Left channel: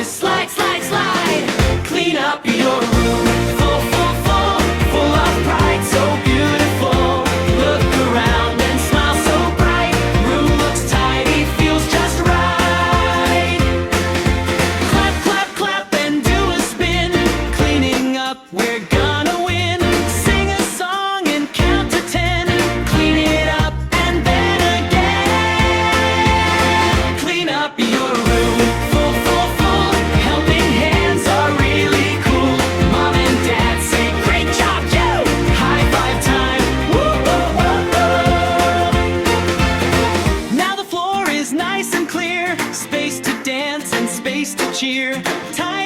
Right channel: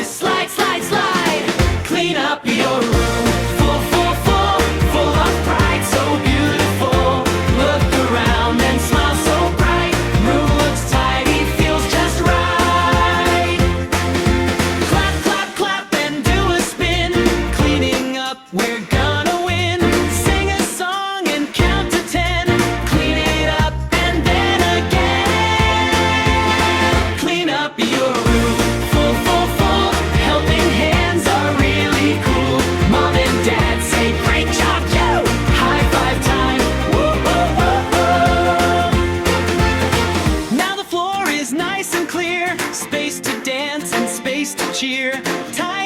is slide, slide, slide. Clean up your room. Full, full, full, full of pride. So beautiful. Look around and smile so bright. Room looks tidy, feels just right. Clap, clap, clap and do a spin. Cleaning up, we're gonna win. Sing a song and count to 10. Clean it up and then again. Clean up your room. Full, full, full. Helping hands are really cool. Mom and Dad say, great job, you! High five time. Woo, woo, woo, woo. Now the floor is nice and clear. Space to dance and space to cheer. Time